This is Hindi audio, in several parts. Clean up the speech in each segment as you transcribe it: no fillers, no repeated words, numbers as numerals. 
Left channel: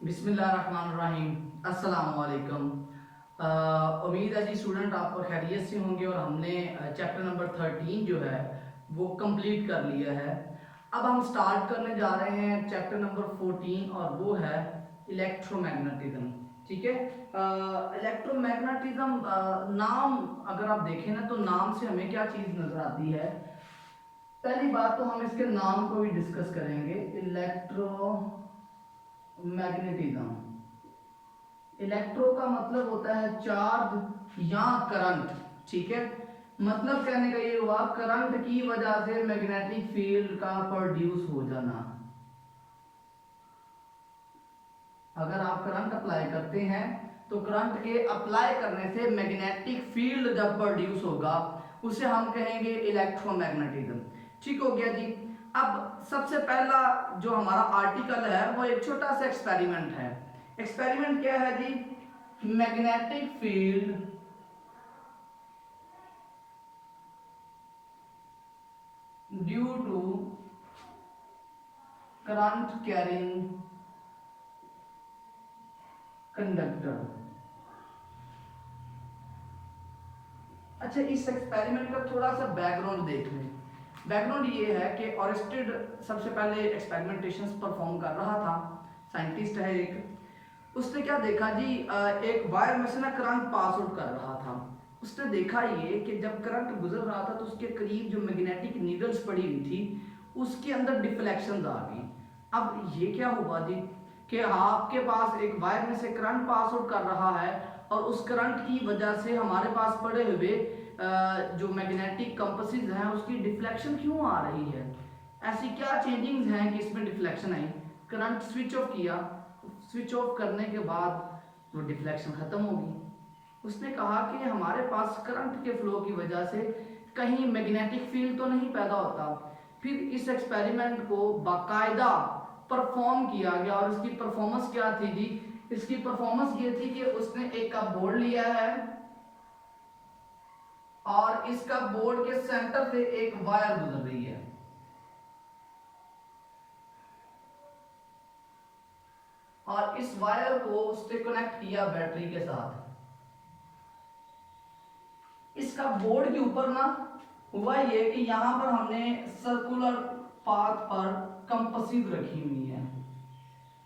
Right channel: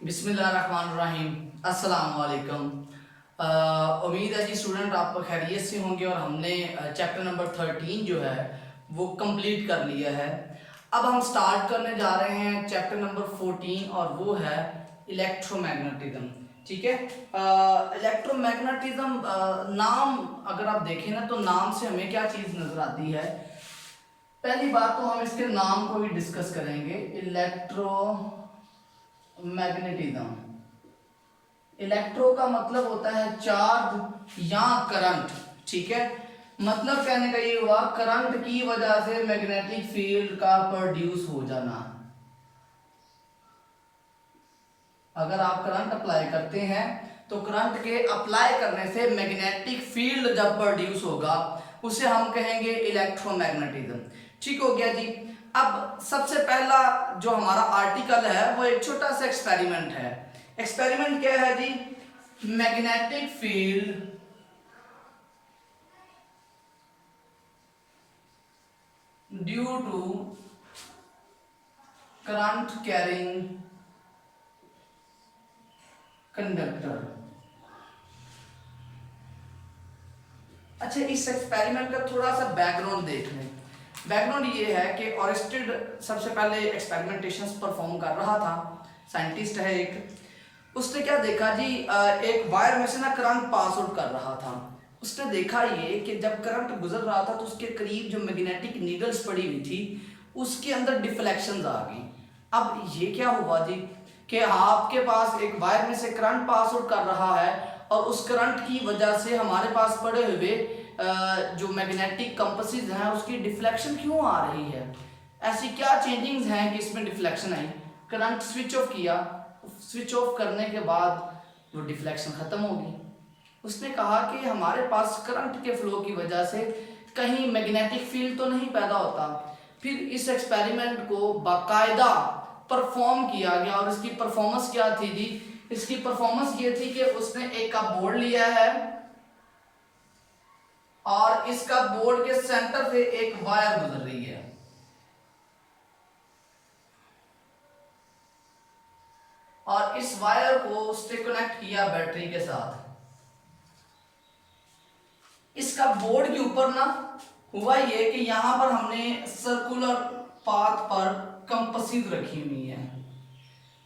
बिस्मिल्लाहिर्रहमानिर्रहीम। अस्सलाम वालेकुम। उम्मीद है जी स्टूडेंट आप खैरियत से होंगे और हमने चैप्टर नंबर 13 जो है वो कंप्लीट कर लिया है। अब हम स्टार्ट करने जा रहे हैं चैप्टर नंबर 14 और वो है इलेक्ट्रोमैग्नेटिज्म। ठीक है, इलेक्ट्रोमैग्नेटिज्म नाम अगर आप देखें ना तो नाम से हमें क्या चीज़ नज़र आती है। पहली बात तो हम इसके नाम को भी डिस्कस करेंगे। इलेक्ट्रोमैग्नेटिज्म, इलेक्ट्रो का मतलब होता है चार्ज या करंट। ठीक है, मतलब कहने का ये हुआ करंट की वजह से मैग्नेटिक फील्ड का प्रोड्यूस हो जाना। अगर आप करंट अप्लाई करते हैं तो करंट के अप्लाई करने से मैग्नेटिक फील्ड जब प्रोड्यूस होगा उसे हम कहेंगे इलेक्ट्रोमैग्नेटिज्म। ठीक हो गया जी। अब सबसे पहला जो हमारा आर्टिकल है वो एक छोटा सा एक्सपेरिमेंट है। एक्सपेरिमेंट क्या है जी? Magnetic field due to current carrying conductor. अच्छा, इस एक्सपेरिमेंट का थोड़ा सा बैकग्राउंड देख लें। बैकग्राउंड ये है कि ऑरेस्टेड सबसे पहले एक्सपेरिमेंटेशंस परफॉर्म कर रहा था। साइंटिस्ट है एक, उसने क्या देखा जी, एक वायर में से ना करंट पास आउट कर रहा था। उसने देखा ये कि जब करंट गुजर रहा था तो उसके करीब जो मैग्नेटिक नीडल्स पड़ी हुई थी उसके अंदर डिफ्लेक्शंस आ गई। अब ये क्या हुआ जी कि आपके पास एक वायर में से करंट पास आउट कर रहा है और उस करंट की वजह से हमारे पास पड़े हुए जो मैग्नेटिक कंपसेस हैं उसकी डिफ्लेक्शन क्यों आ रही है। ऐसी क्या चेंजिंग्स हैं कि इसमें डिफ्लेक्शन आई। करंट स्विच ऑफ किया, स्विच ऑफ करने के बाद वो डिफ्लेक्शन खत्म होगी। उसने कहा कि हमारे पास करंट के फ्लो की वजह से कहीं मैग्नेटिक फील्ड तो नहीं पैदा होता। फिर इस एक्सपेरिमेंट को बाकायदा परफॉर्म किया गया और इसकी परफॉर्मेंस क्या थी जी? इसकी परफॉर्मेंस ये थी कि उसने एक का बोर्ड लिया है और इसका बोर्ड के सेंटर से एक वायर गुजर रही है और इस वायर को उससे कनेक्ट किया बैटरी के साथ। इसका बोर्ड के ऊपर ना हुआ ये कि यहां पर हमने सर्कुलर पाथ पर कंपसेस रखी हुई है,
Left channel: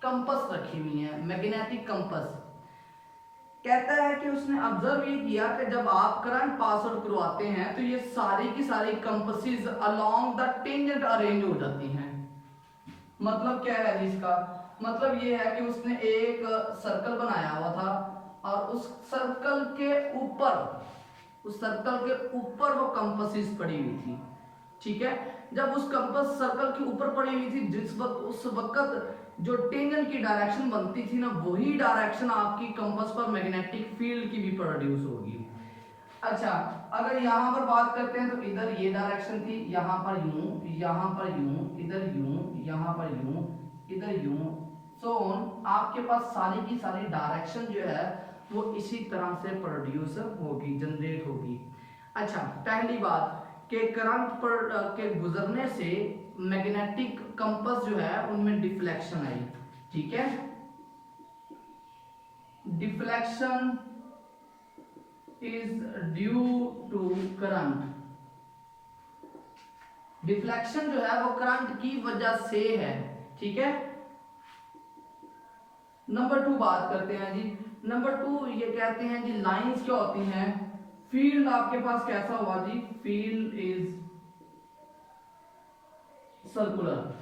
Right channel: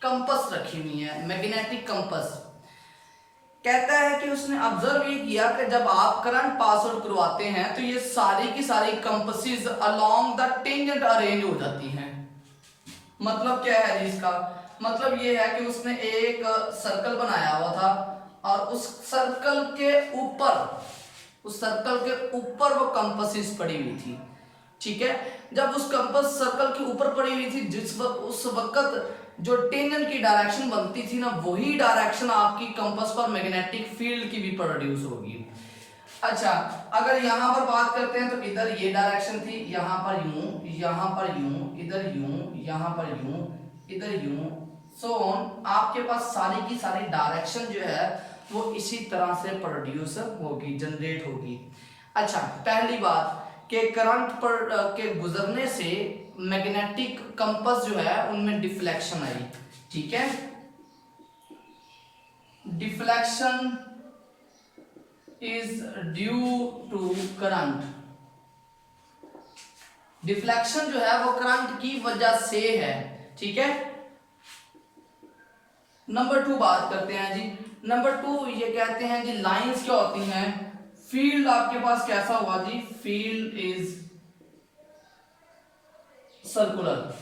कंपस रखी हुई है, मैग्नेटिक कंपस। कहता है कि उसने ऑब्जर्व ये किया कि जब आप करंट पास आउट करवाते हैं तो ये सारी की सारी compasses along the tangent arrange हो जाती हैं। मतलब क्या है जी इसका? मतलब ये है कि उसने एक सर्कल बनाया हुआ था और उस सर्कल के ऊपर, उस सर्कल के ऊपर वो कंपसेस पड़ी हुई थी। ठीक है, जब उस कंपस सर्कल के ऊपर पड़ी हुई थी जिस वक्त उस वक्त जो टेंजेंट की डायरेक्शन बनती थी ना वही डायरेक्शन आपकी कंपस पर मैग्नेटिक फील्ड की भी प्रोड्यूस होगी। अच्छा, अगर यहाँ पर बात करते हैं तो इधर ये डायरेक्शन थी, यहाँ पर यूं, यहाँ पर यूं, इधर यूं, यहाँ पर यूं, इधर यूं, सो ऑन। आपके पास सारी की सारी डायरेक्शन जो है वो इसी तरह से प्रोड्यूस होगी, जनरेट होगी। अच्छा, पहली बात कि करंट पर के गुजरने से मैग्नेटिक कंपस जो है उनमें डिफ्लेक्शन आई। ठीक है, deflection is due to current. Deflection जो है वो करंट की वजह से है। ठीक है, नंबर 2 बात करते हैं जी। नंबर 2 ये कहते हैं जी लाइंस क्या होती हैं। फील्ड आपके पास कैसा हुआ जी? Field is circular.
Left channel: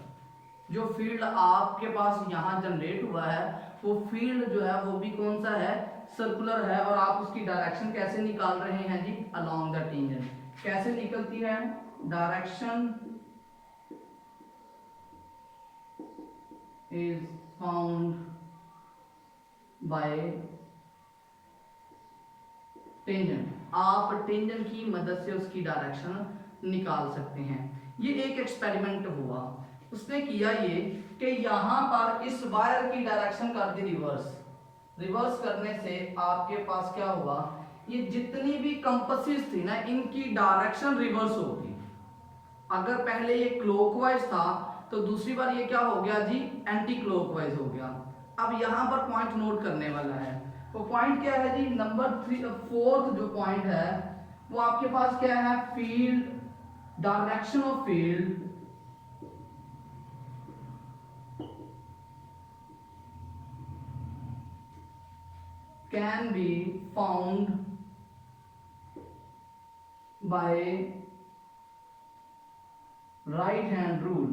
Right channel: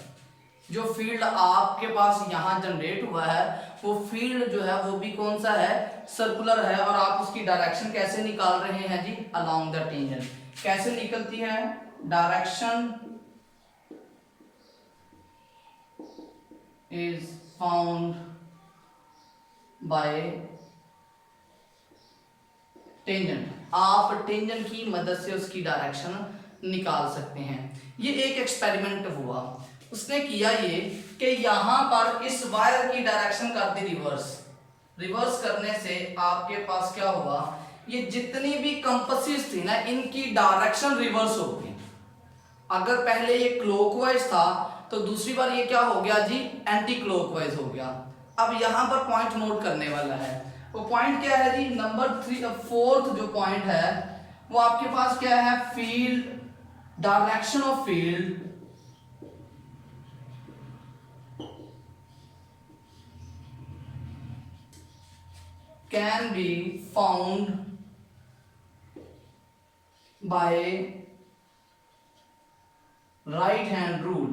जो फील्ड आपके पास यहां जनरेट हुआ है वो फील्ड जो है वो भी कौन सा है? सर्कुलर है। और आप उसकी डायरेक्शन कैसे निकाल रहे हैं जी? Along the tangent. कैसे निकलती है? Direction is found by tangent. आप टेंजेंट की मदद से उसकी डायरेक्शन निकाल सकते हैं। ये एक एक्सपेरिमेंट हुआ, उसने किया ये कि यहां पर इस वायर की डायरेक्शन कर दी रिवर्स। रिवर्स करने से आपके पास क्या हुआ? ये जितनी भी कंपसेस थी ना इनकी डायरेक्शन रिवर्स हो गई। अगर पहले ये क्लॉकवाइज था तो दूसरी बार ये क्या हो गया जी? एंटी क्लॉकवाइज हो गया। अब यहाँ पर पॉइंट नोट करने वाला है। वो पॉइंट क्या है जी, नंबर 3 4th जो पॉइंट है वो आपके पास क्या है, field, direction of field can be found by right hand rule.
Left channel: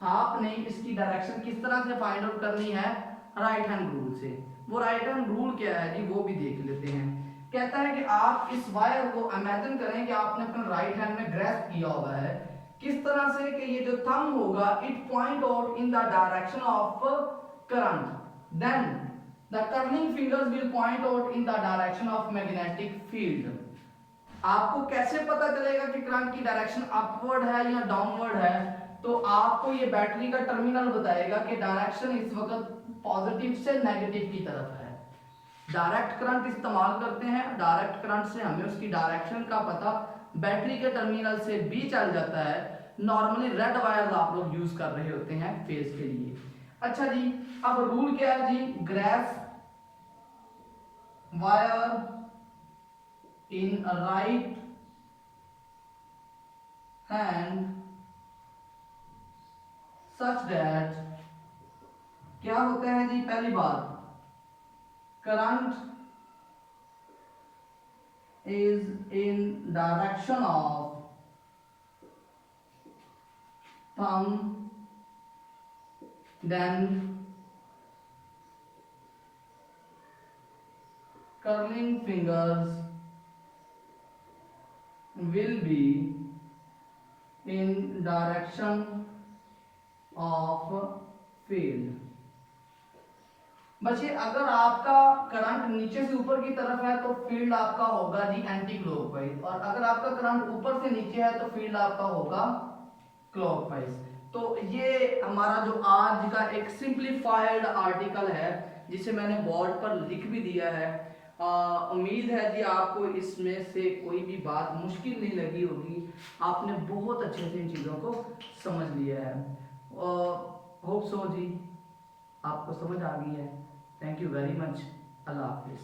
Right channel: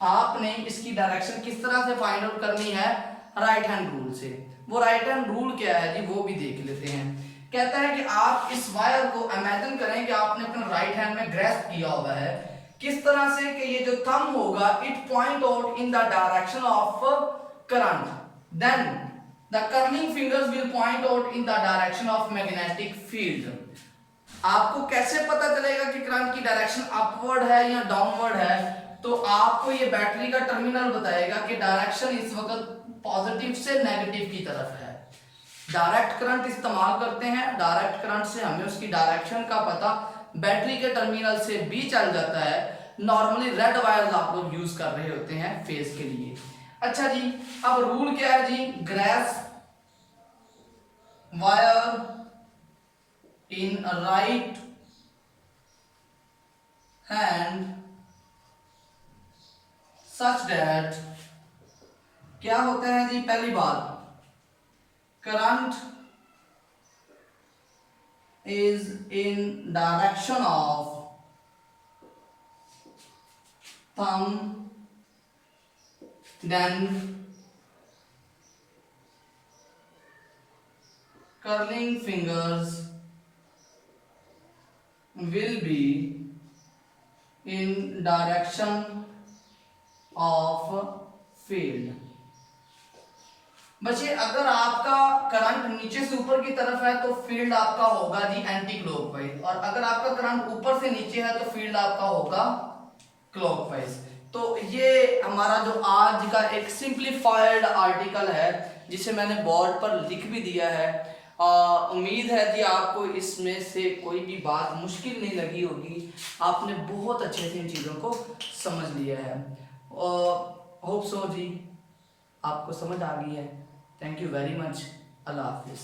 आपने इसकी डायरेक्शन किस तरह से फाइंड आउट करनी है, राइट हैंड रूल से। वो राइट हैंड रूल क्या है जी, वो भी देख लेते हैं। कहता है कि आप इस वायर को इमेजिन करें कि आपने अपने राइट हैंड में ग्रैस्प किया हुआ है, किस तरह से कि ये जो थंब होगा it point out in the direction of current, then the curling fingers will point out in the direction of magnetic field. आपको कैसे पता चलेगा कि करंट की डायरेक्शन अपवर्ड है या डाउनवर्ड है, तो आपको ये बैटरी का टर्मिनल बताएगा कि डायरेक्शन इस वक्त पॉजिटिव से नेगेटिव की तरफ है। डायरेक्ट करंट इस्तेमाल करते हैं, डायरेक्ट करंट से हमें उसकी डायरेक्शन का पता बैटरी के टर्मिनल से भी चल जाता है। नॉर्मली रेड वायर आप लोग यूज कर रहे होते हैं फेज के लिए। अच्छा जी, अब रूल क्या है जी, grasp wire in a right hand such that क्या होते हैं जी, पहली बात current is in direction of thumb, then curling fingers will be in direction of field। बच्चे अगर आपका करंट नीचे से ऊपर की तरफ है तो फील्ड आपका होगा जी एंटी क्लॉकवाइज, और अगर आपका करंट ऊपर से नीचे है तो फील्ड आपका होगा क्लॉकवाइज। तो ये हमारा जो आज का एक सिंप्लीफाइड आर्टिकल है जिसे मैंने बोर्ड पर लिख भी दिया है। उम्मीद है जी आपको इसमें से कोई भी बात मुश्किल नहीं लगी होगी, आपने बहुत अच्छे से इन चीज़ों को समझ लिया है। होप सो जी आपको समझ आ गई है। Thank you very much. अल्लाह हाफिज़।